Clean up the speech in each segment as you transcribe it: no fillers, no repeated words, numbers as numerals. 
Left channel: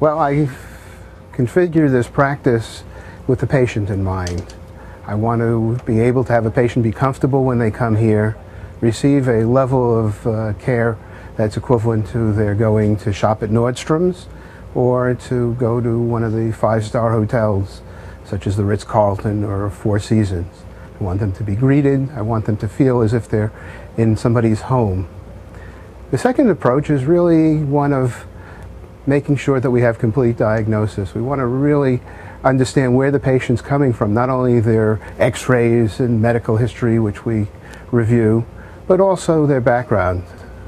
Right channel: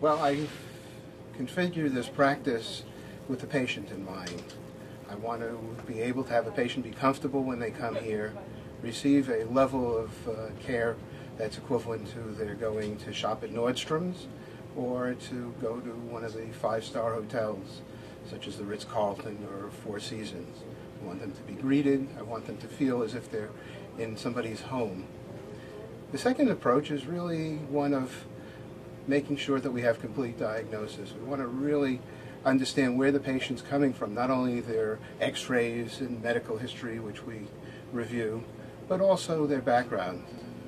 Well, I configure this practice with the patient in mind. I want to be able to have a patient be comfortable when they come here, receive a level of care that's equivalent to their going to shop at Nordstrom's or to go to one of the five-star hotels, such as the Ritz-Carlton or Four Seasons. I want them to be greeted. I want them to feel as if they're in somebody's home. The second approach is really one of making sure that we have complete diagnosis. We want to really understand where the patient's coming from, not only their x-rays and medical history, which we review, but also their background.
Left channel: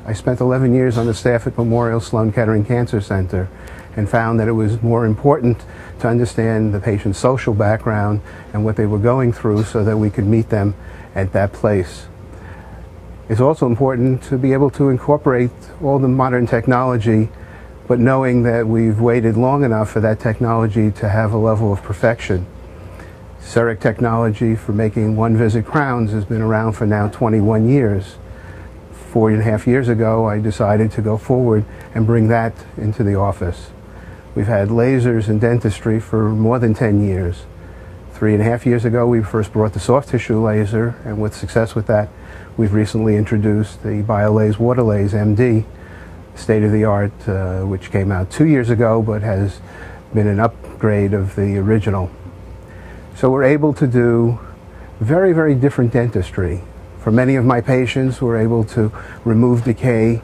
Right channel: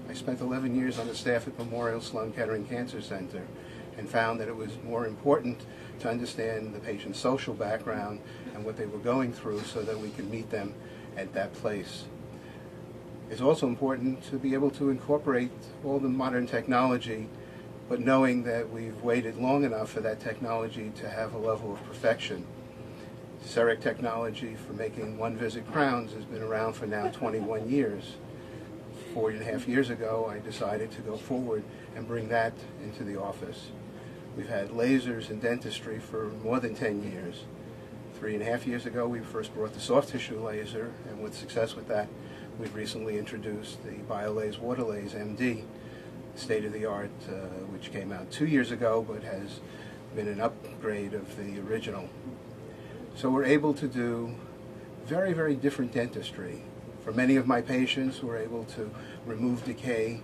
I spent 11 years on the staff at Memorial Sloan Kettering Cancer Center and found that it was more important to understand the patient's social background and what they were going through so that we could meet them at that place. It's also important to be able to incorporate all the modern technology, but knowing that we've waited long enough for that technology to have a level of perfection. CEREC technology for making one-visit crowns has been around for now 21 years. 4.5 years ago, I decided to go forward and bring that into the office. We've had lasers in dentistry for more than 10 years. 3.5 years ago, we first brought the soft tissue laser, and with success with that, we've recently introduced the Waterlase MD, state-of-the-art, which came out 2 years ago, but has been an upgrade of the original. So we're able to do very, very different dentistry. For many of my patients, we're able to remove decay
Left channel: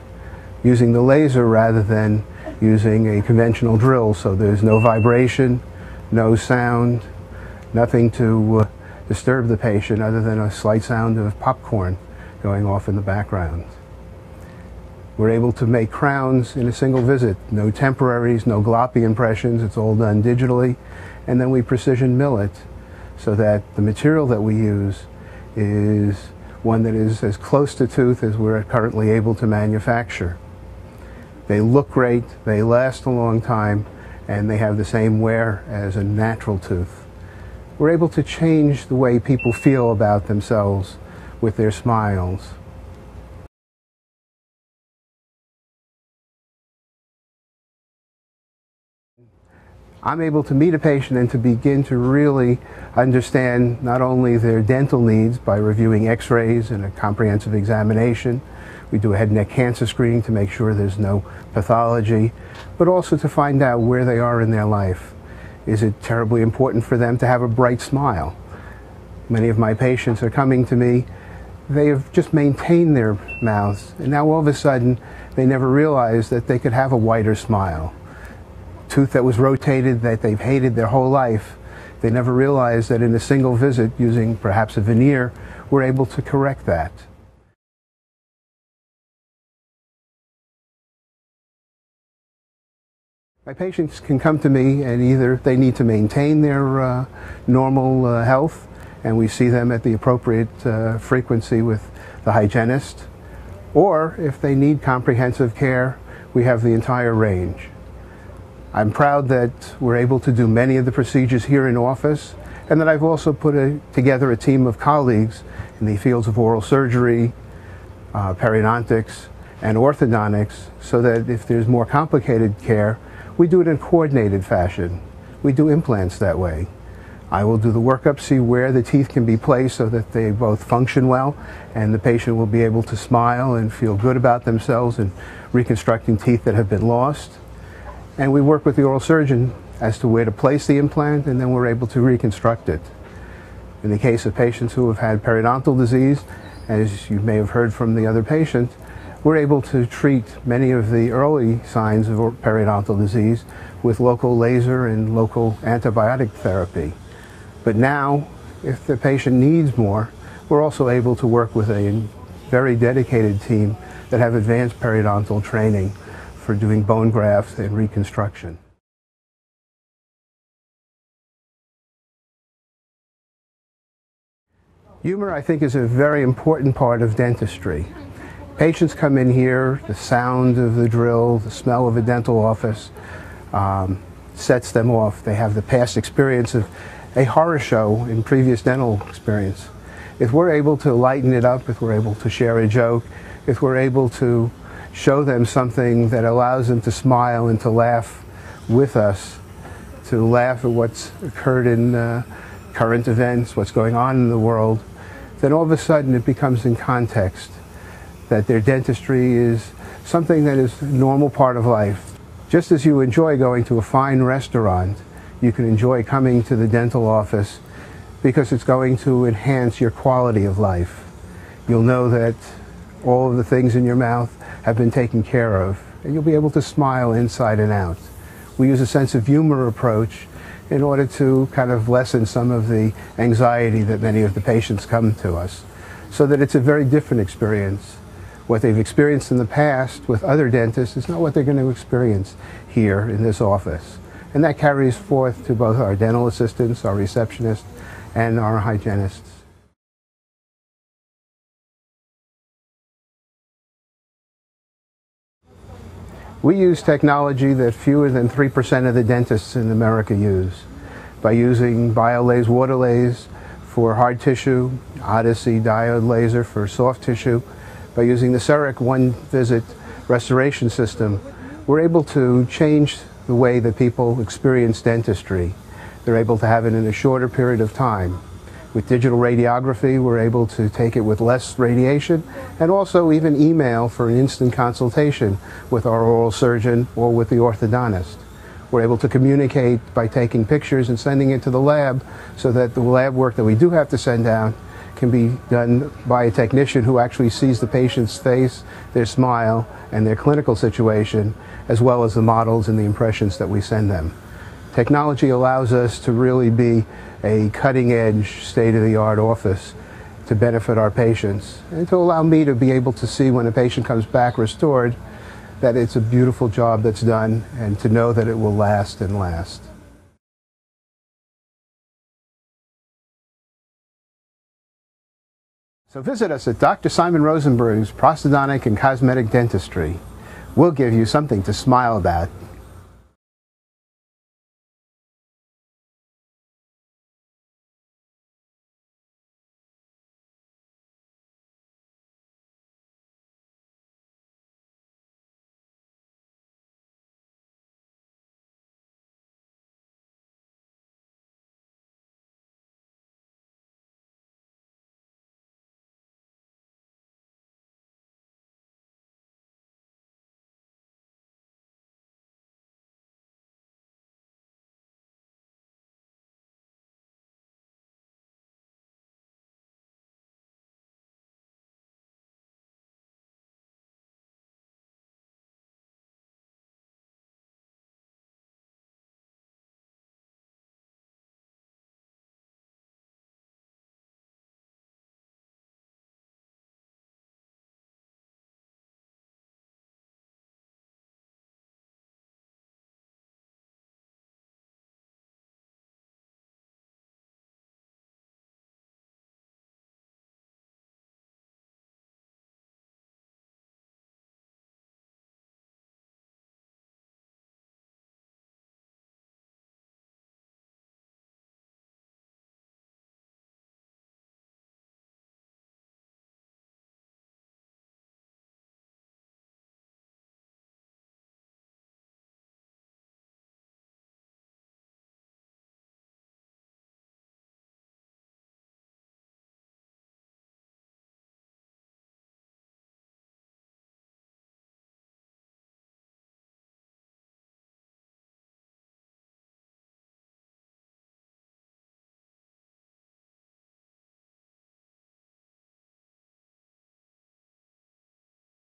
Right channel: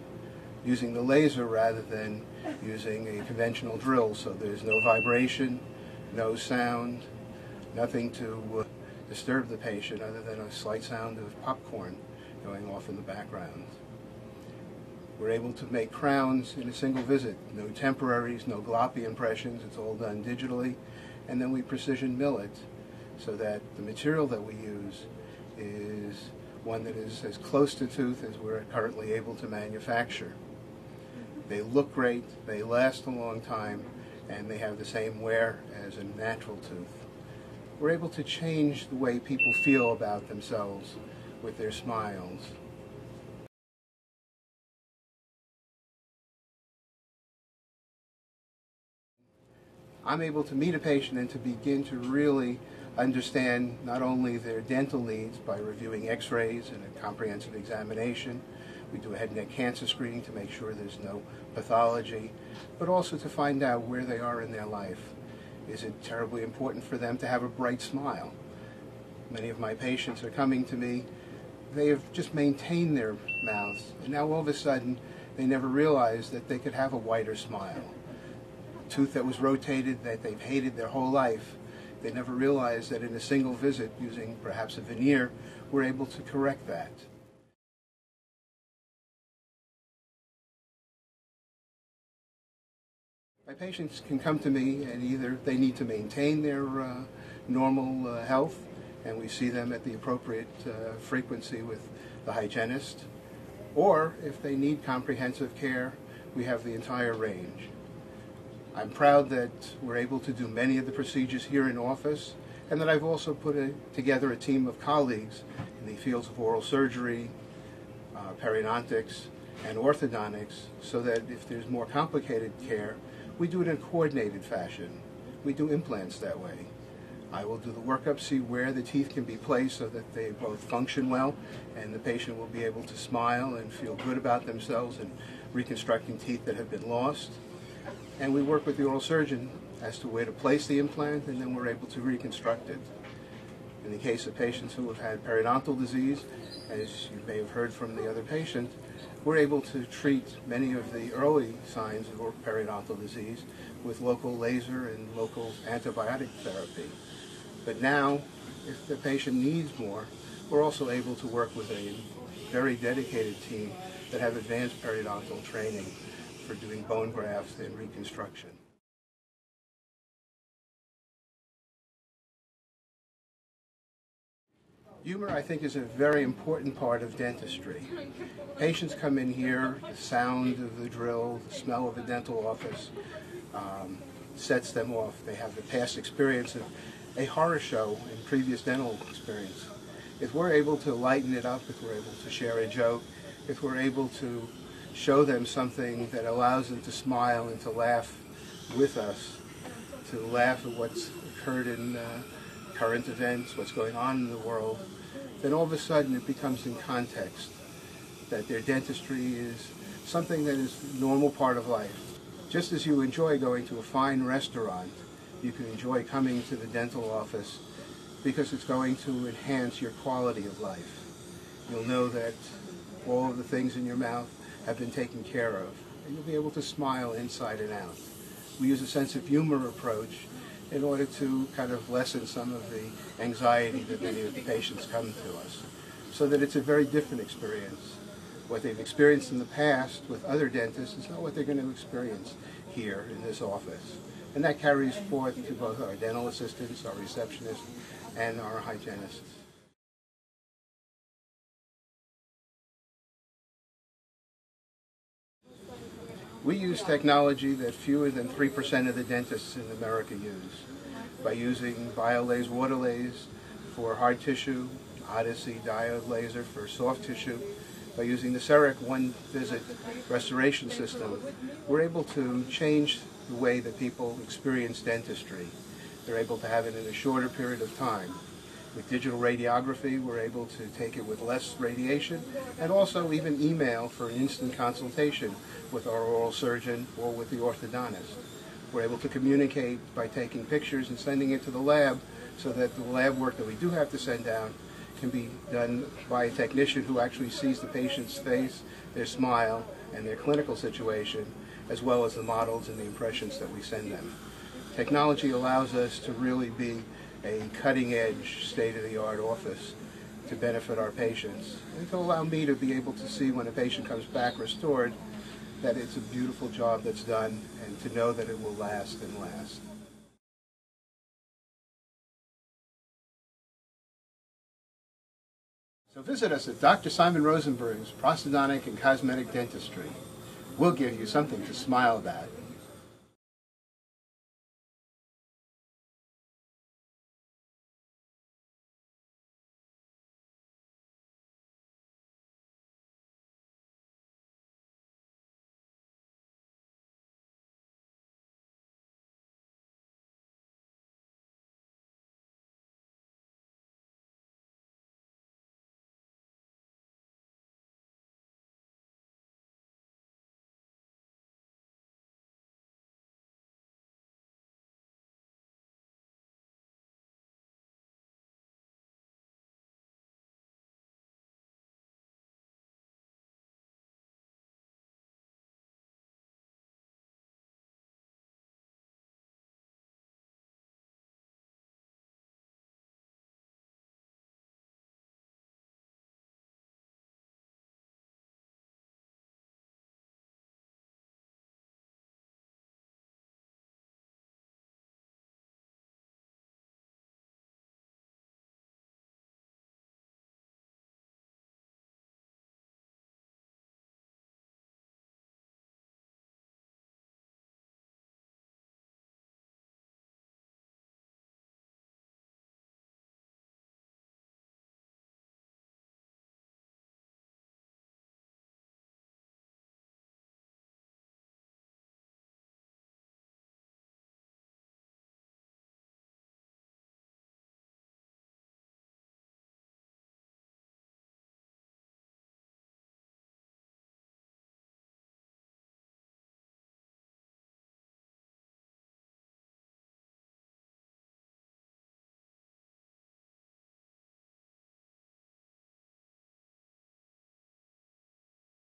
using the laser rather than using a conventional drill, so there's no vibration, no sound, nothing to disturb the patient other than a slight sound of popcorn going off in the background. We're able to make crowns in a single visit, no temporaries, no gloppy impressions, it's all done digitally, and then we precision mill it so that the material that we use is one that is as close to tooth as we're currently able to manufacture. They look great, they last a long time, and they have the same wear as a natural tooth. We're able to change the way people feel about themselves with their smiles. I'm able to meet a patient and to begin to really understand not only their dental needs by reviewing x-rays and a comprehensive examination. We do a head and neck cancer screening to make sure there's no pathology, but also to find out where they are in their life. Is it terribly important for them to have a bright smile? Many of my patients are coming to me, they have just maintained their mouths, and now all of a sudden they never realized that they could have a wider smile. Tooth that was rotated that they've hated their whole life, they never realized that in a single visit using perhaps a veneer, we're able to correct that. My patients can come to me and either they need to maintain their normal health, and we see them at the appropriate frequency with the hygienist, or if they need comprehensive care, we have the entire range. I'm proud that we're able to do many of the procedures here in office, and that I've also put together a team of colleagues in the fields of oral surgery, periodontics, and orthodontics, so that if there's more complicated care, we do it in a coordinated fashion. We do implants that way. I will do the workup, see where the teeth can be placed so that they both function well, and the patient will be able to smile and feel good about themselves in reconstructing teeth that have been lost. And we work with the oral surgeon as to where to place the implant, and then we're able to reconstruct it. In the case of patients who have had periodontal disease, as you may have heard from the other patient, we're able to treat many of the early signs of periodontal disease with local laser and local antibiotic therapy. But now, if the patient needs more, we're also able to work with a very dedicated team that have advanced periodontal training for doing bone grafts and reconstruction. Humor, I think, is a very important part of dentistry. Patients come in here, the sound of the drill, the smell of a dental office sets them off. They have the past experience of a horror show in previous dental experience. If we're able to lighten it up, if we're able to share a joke, if we're able to show them something that allows them to smile and to laugh with us, to laugh at what's occurred in current events, what's going on in the world, then all of a sudden it becomes in context that their dentistry is something that is a normal part of life. Just as you enjoy going to a fine restaurant, you can enjoy coming to the dental office because it's going to enhance your quality of life. You'll know that all of the things in your mouth have been taken care of, and you'll be able to smile inside and out. We use a sense of humor approach in order to kind of lessen some of the anxiety that many of the patients come to us, so that it's a very different experience. What they've experienced in the past with other dentists is not what they're going to experience here in this office. And that carries forth to both our dental assistants, our receptionists, and our hygienists. We use technology that fewer than 3% of the dentists in America use, by using Waterlase for hard tissue, Odyssey diode laser for soft tissue. By using the CEREC one-visit restoration system, we're able to change the way that people experience dentistry. They're able to have it in a shorter period of time. With digital radiography, we're able to take it with less radiation, and also even email for an instant consultation with our oral surgeon or with the orthodontist. We're able to communicate by taking pictures and sending it to the lab, so that the lab work that we do have to send out can be done by a technician who actually sees the patient's face, their smile, and their clinical situation, as well as the models and the impressions that we send them. Technology allows us to really be a cutting-edge, state-of-the-art office to benefit our patients, and to allow me to be able to see when a patient comes back restored that it's a beautiful job that's done, and to know that it will last and last. So visit us at Dr. Simon Rosenberg's Prosthodontic and Cosmetic Dentistry. We'll give you something to smile about.